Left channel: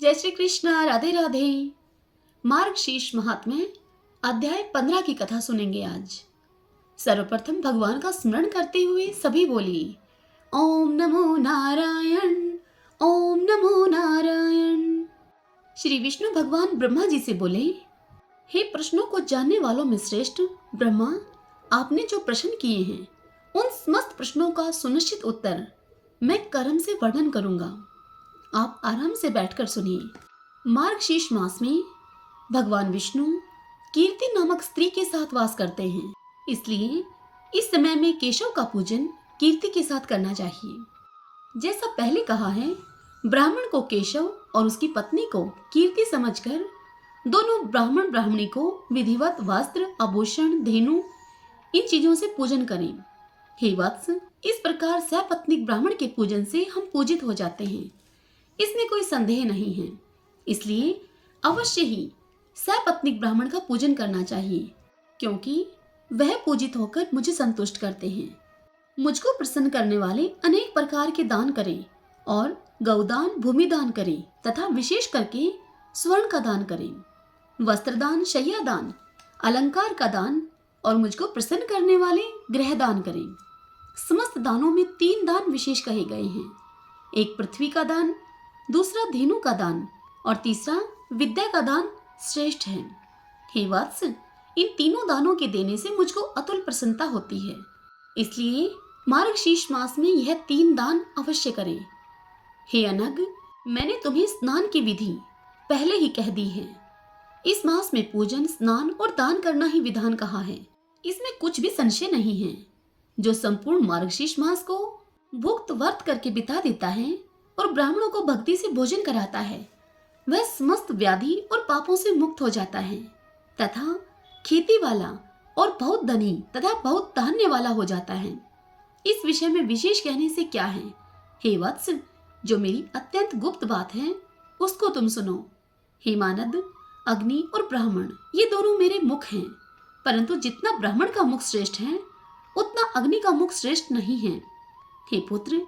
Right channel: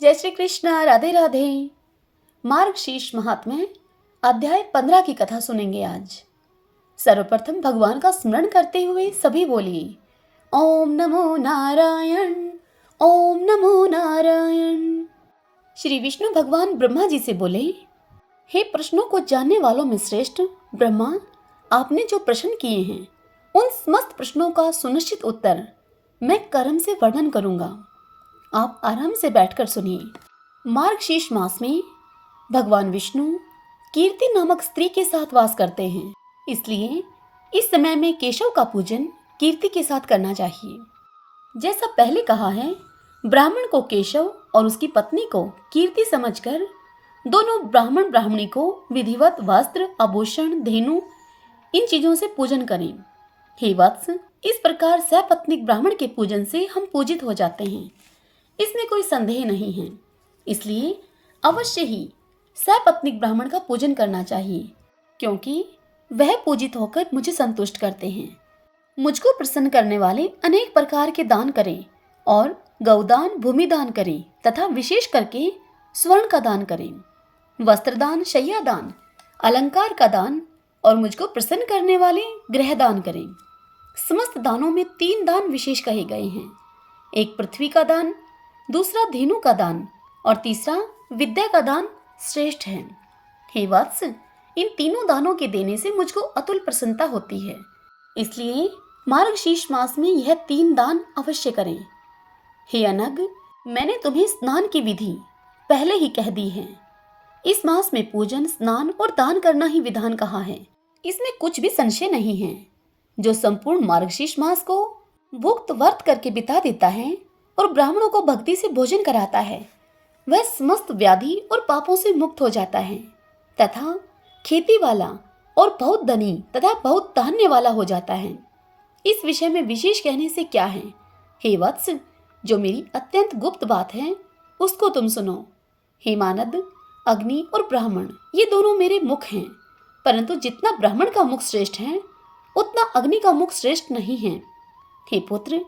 जय श्री कृष्णा। राधे राधे। मार्गशीर्ष महात्म्य अध्याय 15 की कथा सुनेंगे आज। सर्वप्रथम भगवान का स्मरण करते हुए सभी बोलिए ओम नमो नारायण, ओम नमो नारायण। श्री विष्णु भगवान ब्रह्मा जी से बोले, हे प्रश्नों को जानने वालों में श्रेष्ठ ब्रह्मा, आपने जो प्रश्न किए हैं उन समस्त प्रश्नों का सुनिश्चित उत्तर मैं कर्म से वर्णन करूंगा। आप आराम से बैठकर सुनिए। मार्गशीर्ष मास में भगवान विष्णु कीर्ति नामक स्त्री के साथ वास करते हैं, इसलिए इस समय में केशव का पूजन कीर्ति के साथ करना चाहिए। जैसा पहले कहा है, ब्राह्मण को केशव और उसकी पत्नी को कीर्ति समझकर दोनों ब्राह्मण ब्राह्मणी को विधिवत वस्त्र, आभूषण, धेनु इन चीजों से पूजन करें। हे वत्स, इस प्रकार सपत्नीक ब्राह्मण के पूजन से हम पूजित हो जाते हैं, इसमें कोई संदेह नहीं है। इसलिए अवश्य ही सपत्नीक ब्राह्मण का पूजन करना चाहिए, क्योंकि वह पूजित होकर मुझे संतुष्ट करते हैं। मुझको प्रसन्न करने वाले अनेक प्रकार के दान करें और गौदान, भूमिदान करें तथा विशेष करके स्वर्ण का दान करें, वस्त्रदान, शय्यादान, अलंकार का दान और मुझको प्रसन्न करने वाले गृह दान करें। समस्त दानों में 3 दान विशेष कहे गए हैं। एक पृथ्वी का दान, दूसरा धेनु का दान और तीसरा विद्या का दान श्रेष्ठ है। हे वत्स, इन तीनों दानों के देने से मुझको अतुल प्रसन्नता होती है, इसलिए मार्गशीर्ष मास में यह 3 दान अवश्य करें। हे अनग, मैंने तुम्हें स्नान की विधि पहले ही कह दी है। इस मास में पूजन, स्नान और दान करना ही विधान कहा है, इसमें कुछ भी संशय नहीं है। जो संपूर्ण मार्गशीर्ष मास को भुक्त वर्त करके बिता देता है और ब्राह्मणों को भक्ति से भोजन कराता है, वह समस्त व्याधि और पापों से मुक्त हो जाता है तथा खेती वाला और बहुत धनी तथा बहुत धान्य वाला हो जाता है। इस विषय में विशेष कहने से क्या है। हे वत्स, जो मेरी अत्यंत गुप्त बात है उसको तुम सुनो। हे मानद, अग्नि और ब्राह्मण ये दोनों मेरे मुख हैं, परंतु जितना ब्राह्मण का मुख श्रेष्ठ है उतना अग्नि का मुख श्रेष्ठ नहीं है। हे पुत्र,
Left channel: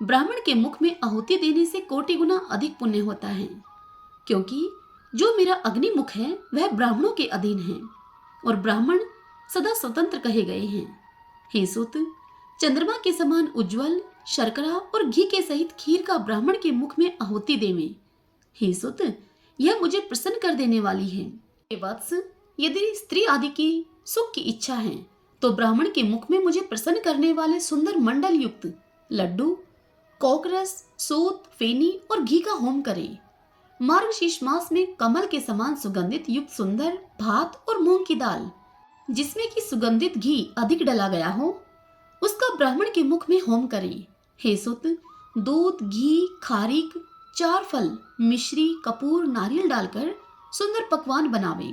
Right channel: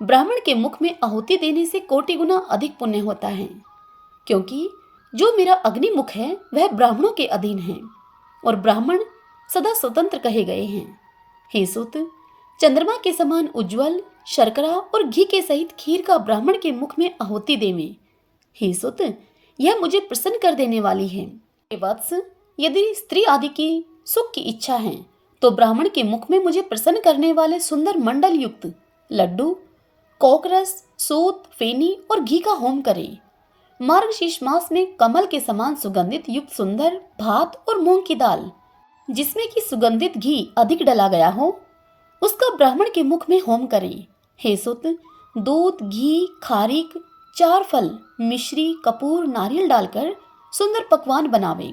ब्राह्मण के मुख में आहुति देने से कोटि गुना अधिक पुण्य होता है, क्योंकि जो मेरा अग्नि मुख है वह ब्राह्मणों के अधीन है और ब्राह्मण सदा स्वतंत्र कहे गए हैं। हे सुत, चंद्रमा के समान उज्जवल शर्करा और घी के सहित खीर का ब्राह्मण के मुख में आहुति देवे। हे सुत, यह मुझे प्रसन्न कर देने वाली है। हे वत्स, यदि स्त्री आदि की सुख की इच्छा है तो ब्राह्मण के मुख में मुझे प्रसन्न करने वाले सुंदर मंडल युक्त लड्डू, कोकरस, सूत, फेनी और घी का होम करें। मार्गशीर्ष मास में कमल के समान सुगंधित युक्त सुंदर भात और मूंग की दाल, जिसमें कि सुगंधित घी अधिक डला गया हो, उसका ब्राह्मण के मुख में होम करें। हे सुत, दूध, घी, खारीक, 4 फल, मिश्री, कपूर, नारियल डालकर सुंदर पकवान बनावे।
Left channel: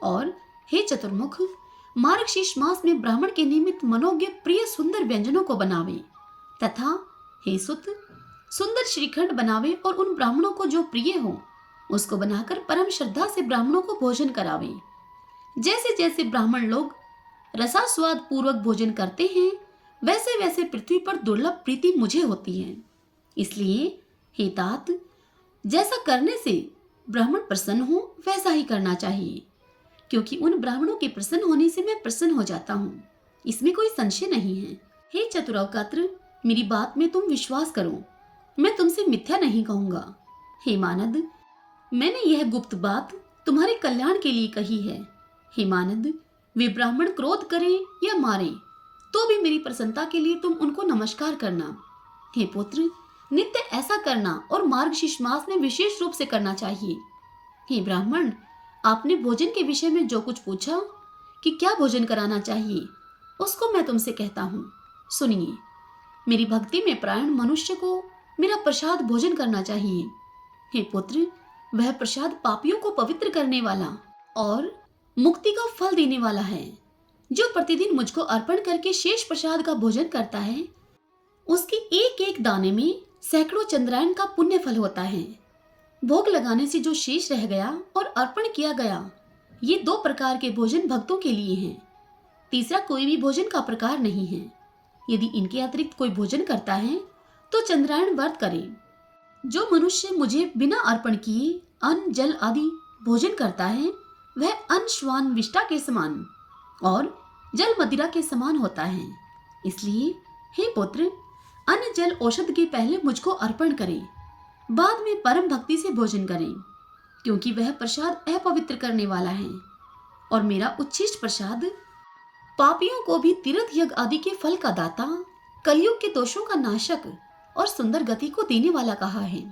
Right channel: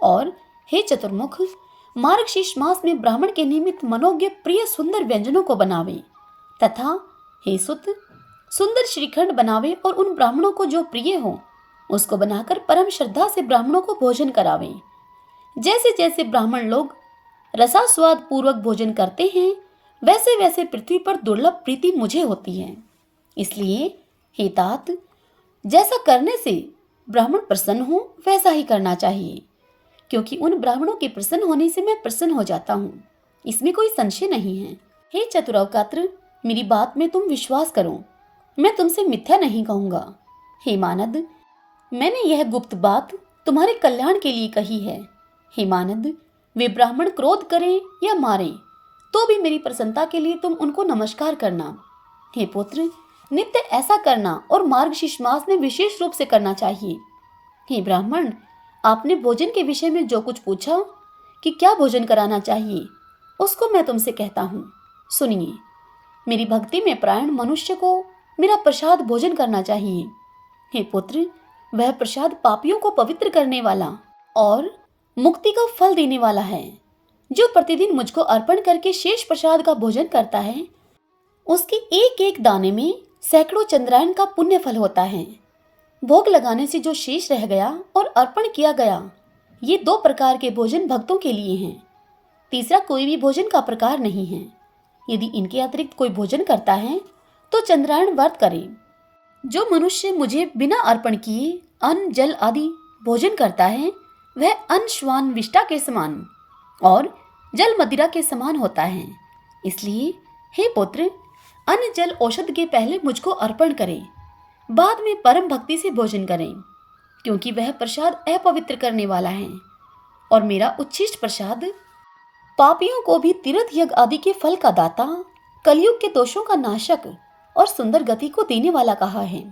और हे चतुर्मुख, मार्गशीर्ष मास में ब्राह्मण के निमित्त मनोज्ञ प्रिय सुंदर व्यंजनों को बनावे तथा हे सुत, सुंदर श्रीखंड बनावे और उन ब्राह्मणों को जो प्रिय हो उसको बनाकर परम श्रद्धा से ब्राह्मणों को भोजन करावे। जैसे जैसे ब्राह्मण लोग रसास्वाद पूर्वक भोजन करते हैं, वैसे वैसे पृथ्वी पर दुर्लभ प्रीति मुझे होती है। इसलिए हे तात, जैसा करने से ब्राह्मण प्रसन्न हो वैसा ही करना चाहिए, क्योंकि उन ब्राह्मणों के प्रसन्न होने से मैं प्रसन्न हो जाता हूँ, इसमें कोई संशय नहीं है। हे चतुरवकात्र, मेरी बात में तुम विश्वास करो, मैं तुमसे मिथ्या नहीं कहूंगा। हे मानद, मैंने यह गुप्त बात तुम्हारे कल्याण के लिए कही है। हे मानद, वे ब्राह्मण क्रोध करें या मारे तो भी मेरी प्रसन्नता के लिए तुम उनको नमस्कार करना। हे पुत्र, नित्य ऐसा करना और मार्गशीर्ष मास में विशेष रूप से करना चाहिए। हे ब्राह्मण, आपने भोजन के विषय में जो कुछ पूछा कि क्या भोजन कराना चाहिए, उसको मैं तुमसे कहता हूँ, सुनिए। मेरी भक्ति में प्राण मनुष्य को मेरा प्रसाद भोजन करना चाहिए। हे पुत्र, वह प्रसाद पापियों को पवित्र करने वाला और मुक्ति का फल देने वाला है। जो प्रतिदिन मुझको अर्पण करके शेष प्रसाद का भोजन करता है, उसके एक एक दाने में सैकड़ों चंद्रायन का पुण्य फल होता है। भोग लगाने से जो शेष रह गया और अर्पण किया गया, ये 2 प्रकार के भोजन भक्तों के लिए हैं। तीसरा कोई भी भोजन का प्रकार नहीं है। यदि इनके अतिरिक्त कोई भोजन करता है तो चंद्रायन व्रत करे। जो मनुष्य मुझे बिना अर्पण किए अन्न जल आदि भोजन करता है वह अन्न श्वान विष्टा के समान और जल मदिरा के समान होता है। इसलिए हे पुत्र, अन्न जल औषध के पहले मुझको अर्पण करें, बाद में परम भक्ति से भोजन करें, क्योंकि वह प्रसाद अपवित्र करने वाला है और मेरा उच्छिष्ट प्रसाद पापियों को भी तीर्थ यज्ञ आदि के फल का दाता, कलयुग के दोषों का नाशक और सुंदर गति को देने वाला कहा है।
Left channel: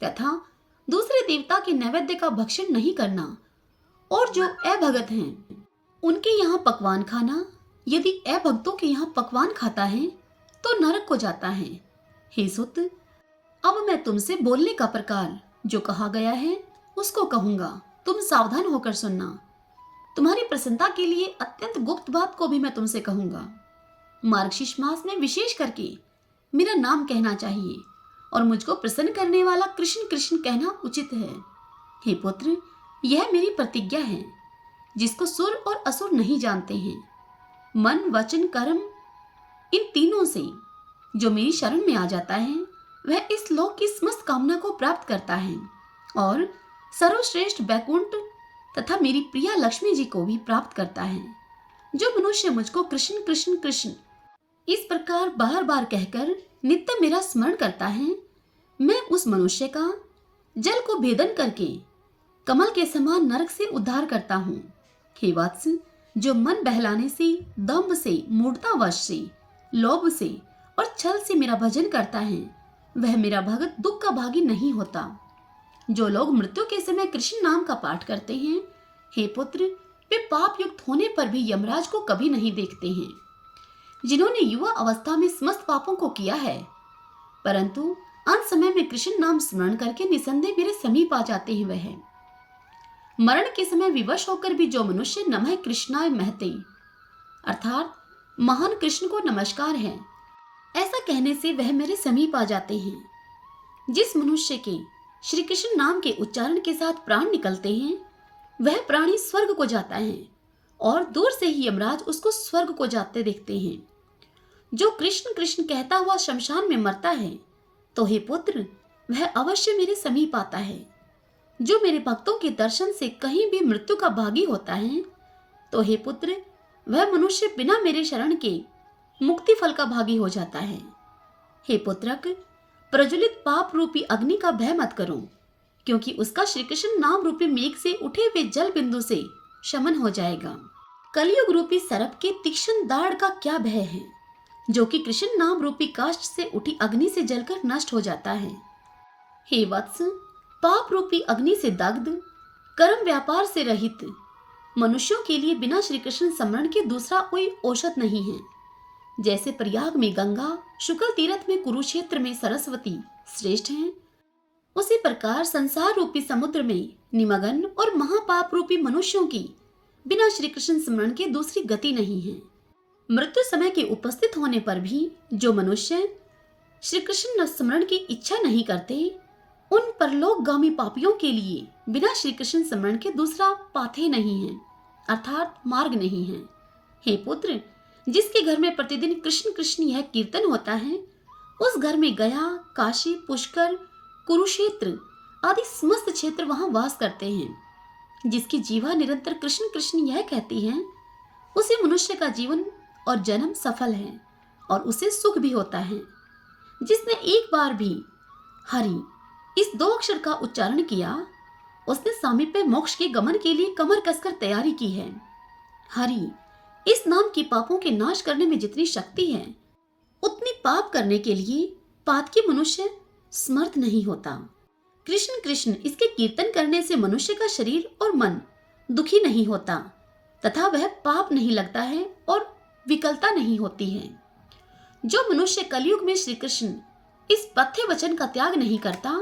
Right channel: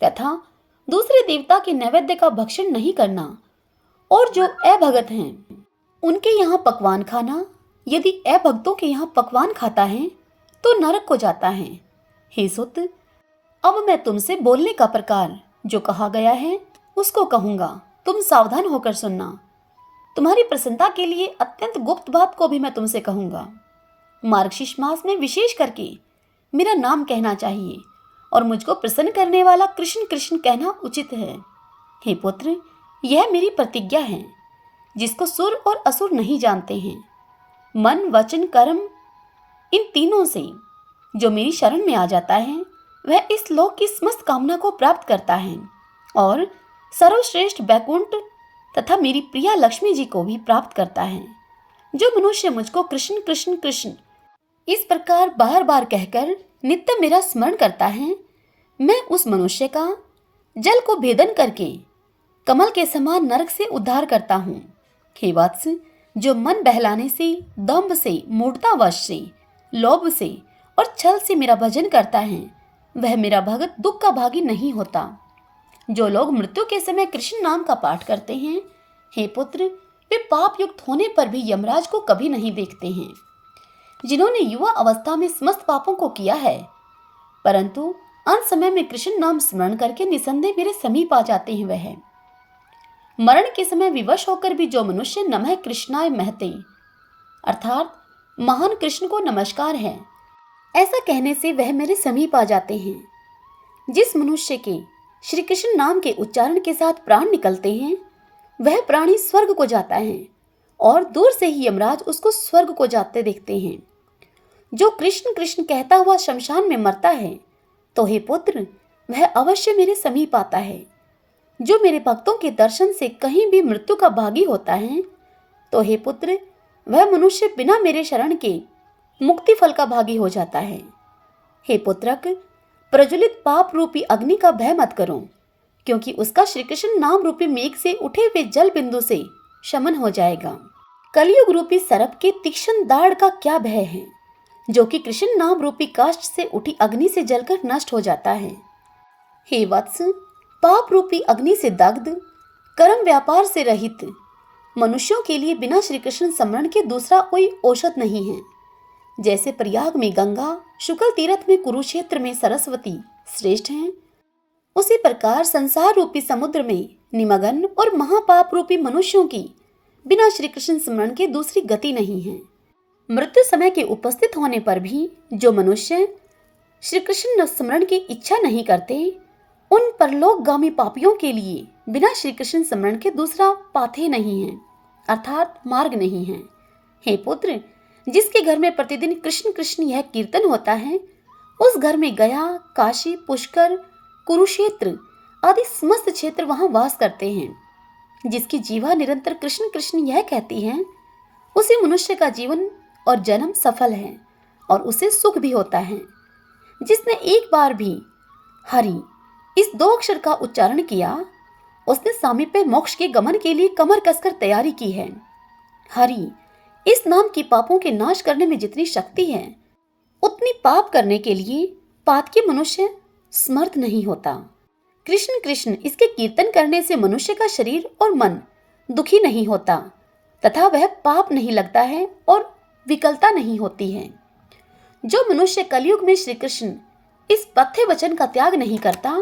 तथा दूसरे देवता के नैवेद्य का भक्षण नहीं करना और जो अभगत हैं उनके यहाँ पकवान खाना, यदि अभक्तों के यहाँ पकवान खाता है तो नरक को जाता है। हे सुत, अब मैं तुमसे बोलने का प्रकार जो कहा गया है उसको कहूंगा, तुम सावधान होकर सुनना। तुम्हारी प्रसन्नता के लिए अत्यंत गुप्त बात को भी मैं तुमसे कहूंगा। मार्गशीर्ष मास में विशेष करके मेरा नाम कहना चाहिए और मुझको प्रसन्न करने वाला कृष्ण कृष्ण कहना उचित है। हे पुत्र, यह मेरी प्रतिज्ञा है जिसको सुर और असुर नहीं जानते हैं। मन वचन कर्म इन तीनों से जो मेरी शरण में आ जाता है वह इस लोक की समस्त कामना को प्राप्त करता है और सर्वश्रेष्ठ बैकुंठ तथा मेरी प्रिया लक्ष्मी जी को भी प्राप्त करता है। जो मनुष्य मुझको कृष्ण कृष्ण कृष्ण इस प्रकार बार बार कहकर नित्य मेरा स्मरण करता है, मैं उस मनुष्य का जल को भेदन करके कमल के समान नरक से उद्धार करता हूँ। हे वत्स, जो मन बहलाने से, दंभ से, मूढ़तावश से, लोभ से और छल से मेरा भजन करता है वह मेरा भगत दुख का भागी नहीं होता। जो लोग मृत्यु के समय कृष्ण नाम का पाठ करते हैं, हे पुत्र, वे पाप युक्त होने पर भी यमराज को कभी नहीं देखते हैं। जिन्होंने युवा अवस्था में समस्त पापों को किया है परंतु अंत समय में कृष्ण नाम स्मरण करके निसंदेह मेरे समीप आ जाते हैं, वह मरण के समय विवश होकर भी जो मनुष्य नमः कृष्णाय महते अर्थात महान कृष्ण को नमस्कार है ऐसा कहने से वह मेरे समीप आ जाते हैं। जिस मनुष्य के श्री कृष्ण नाम के उच्चारण के साथ प्राण निकलते हैं वह प्राणी स्वर्ग को जाता है और दूर से ही यमराज उसको स्वर्ग को जाते देखते हैं। जो कृष्ण कृष्ण कहता हुआ शमशान में मरता है तो हे पुत्र, वह अवश्य मेरे समीप आता है। जो मेरे भक्तों के दर्शन से कहीं भी मृत्यु का भागी होता है तो हे पुत्र, वह मनुष्य बिना मेरे शरण के मुक्ति फल का भागी हो जाता है। हे पुत्रक, प्रज्वलित पाप रूपी अग्नि का भय मत करो, क्योंकि उसका श्री कृष्ण नाम रूपी मेघ से उठे हुए जल बिंदु से शमन हो जाएगा। कलयुग रूपी सर्प के तीक्ष्ण दाढ़ का क्या भय है, जो कि कृष्ण नाम रूपी काष्ठ से उठी अग्नि से जलकर नष्ट हो जाता है। हे वत्स, पाप रूपी अग्नि से दग्ध, कर्म व्यापार से रहित मनुष्यों के लिए बिना श्री कृष्ण स्मरण के दूसरा कोई औषध नहीं है। जैसे प्रयाग में गंगा, शुक्ल तीर्थ में कुरुक्षेत्र में सरस्वती श्रेष्ठ हैं, उसी प्रकार संसार रूपी समुद्र में निमग्न और महापाप रूपी मनुष्यों की बिना श्री कृष्ण स्मरण के दूसरी गति नहीं है। मृत्यु समय के उपस्थित होने पर भी जो मनुष्य श्री कृष्ण स्मरण की इच्छा नहीं करते उन परलोकगामी पापियों के लिए बिना श्री कृष्ण स्मरण के दूसरा पाथे नहीं है अर्थात मार्ग नहीं है। हे पुत्र, जिसके घर में प्रतिदिन कृष्ण कृष्ण यह कीर्तन होता है उस घर में गया, काशी, पुष्कर, कुरुक्षेत्र आदि समस्त क्षेत्र वहां वास करते हैं। जिसकी जीवा निरंतर कृष्ण कृष्ण यह कहती है उसे मनुष्य का जीवन और जन्म सफल है और उसे सुख भी होता है। जिसने एक बार भी हरि इस दो अक्षर का उच्चारण किया उसने सामीप्य मोक्ष के गमन के लिए कमर कसकर तैयारी की है। हरि इस नाम की पापों के नाश करने में जितनी शक्ति है उतनी पाप करने के लिए पातकी मनुष्य समर्थ नहीं होता। कृष्ण कृष्ण इसके कीर्तन करने से मनुष्य का शरीर और मन दुखी नहीं होता तथा वह पाप नहीं लगता है और विकलता नहीं होती है। जो मनुष्य कलयुग में श्री कृष्ण इस पथ्य वचन का त्याग नहीं करता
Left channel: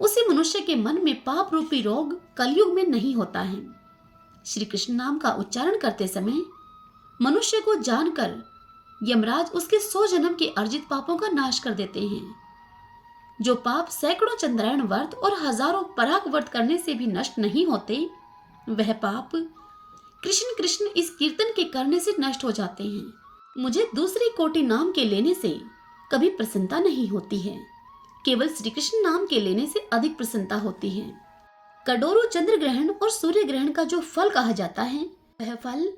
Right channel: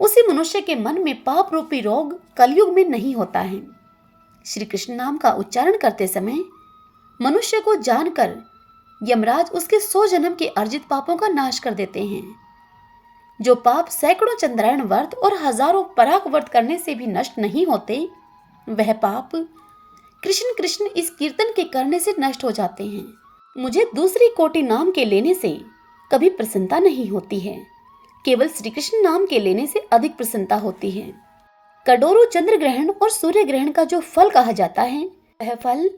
उसी मनुष्य के मन में पाप रूपी रोग कलयुग में नहीं होता है। श्री कृष्ण नाम का उच्चारण करते समय मनुष्य को जानकर यमराज उसके 100 जन्म के अर्जित पापों का नाश कर देते हैं। जो पाप सैकड़ों चंद्रायण व्रत और हजारों पराग व्रत करने से भी नष्ट नहीं होते वह पाप कृष्ण कृष्ण इस कीर्तन के करने से नष्ट हो जाते हैं। मुझे दूसरी कोटि नाम के लेने से कभी प्रसन्नता नहीं होती है, केवल श्री कृष्ण नाम के लेने से अधिक प्रसन्नता होती है। कड़ोरो चंद्र ग्रहण और सूर्य ग्रहण का जो फल कहा जाता है, वह फल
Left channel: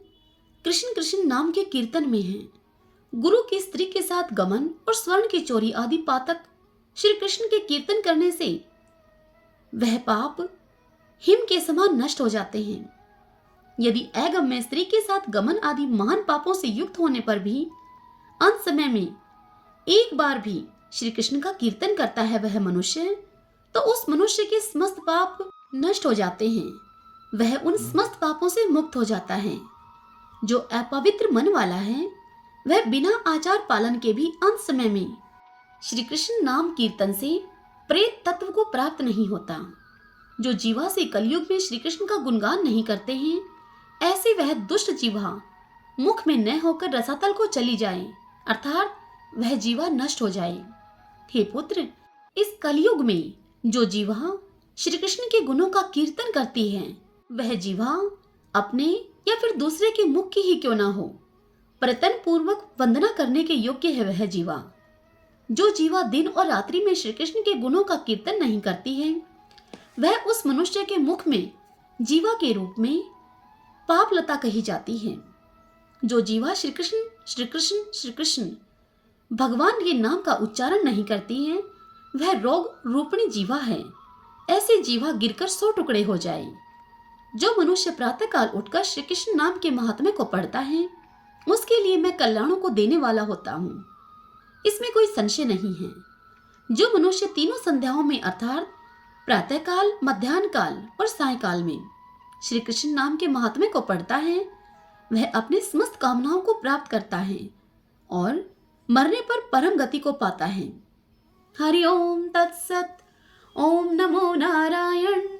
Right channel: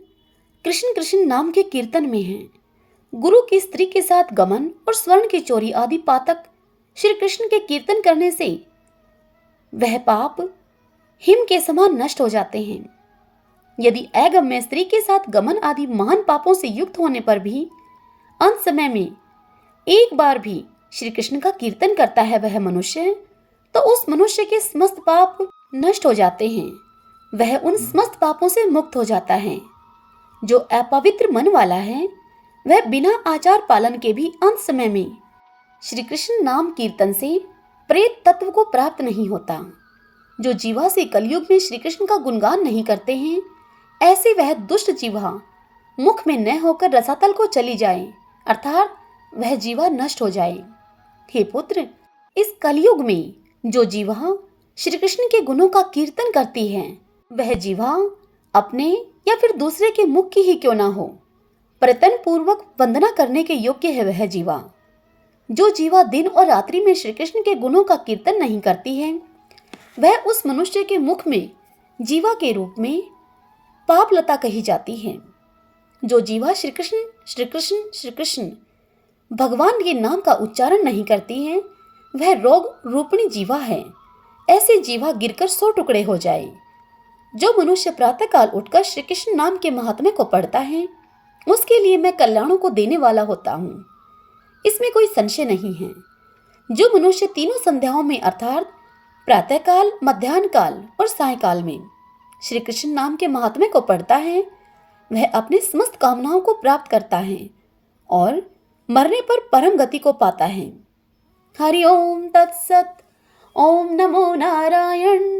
कृष्ण कृष्ण नाम के कीर्तन में है। गुरु की स्त्री के साथ गमन और स्वर्ण की चोरी आदि पातक श्री कृष्ण के कीर्तन करने से वह पाप हिम के समान नष्ट हो जाते हैं। यदि अगम्य स्त्री के साथ गमन आदि महान पापों से युक्त होने पर भी अंत समय में एक बार भी श्री कृष्ण का कीर्तन करता है वह मनुष्य, तो उस मनुष्य के समस्त पाप नष्ट हो जाते हैं। वह उन समस्त पापों से मुक्त हो जाता है। जो अपवित्र मन वाला है वह बिना आचार पालन के भी अंत समय में श्री कृष्ण नाम कीर्तन से प्रेत तत्व को प्राप्त नहीं होता। जो जीवा से कलयुग में श्री कृष्ण का गुणगान नहीं करते हैं, ऐसे वह दुष्ट जीवा मुख में न होकर रसातल को चली जाए, अर्थात वह जीवा नष्ट हो जाए। हे पुत्र, इस कलयुग में जो जीवा श्री कृष्ण के गुणों का कीर्तन करती है, वह जीवा अपने या फिर दूसरे के मुख की ही क्यों ना हो, प्रयत्न पूर्वक वंदना करने के योग्य है वह जीवा। जो जीवा दिन और रात्रि में श्री कृष्ण के गुणों का कीर्तन नहीं करती है, वह उस मनुष्य के मुख में जीवा के रूप में पापलता कही जाती है। जो जीवा श्री कृष्ण श्री कृष्ण श्री कृष्ण भगवान के नाम का उच्चारण नहीं करती है, वह रोग रूपिणी जीवा है। ऐसे जीवा गिरकर 100 टुकड़े हो जाए। जो मनुष्य प्रातःकाल उठकर श्री कृष्ण नाम के महात्म्य को पढ़ता है, उसके लिए मैं कल्याणों को देने वाला होता हूँ, इसमें कोई संशय नहीं है। जो मनुष्य तीनों संध्याओं में अर्थात प्रातःकाल, मध्याह्न काल और सायकाल में श्री कृष्ण नाम के महात्म्य को पढ़ता है, वह अपने समस्त कामनाओं को प्राप्त करता है और मरने पर परम गति को पाता है। हरि ओम तत्सत। ओम नमो नारायण।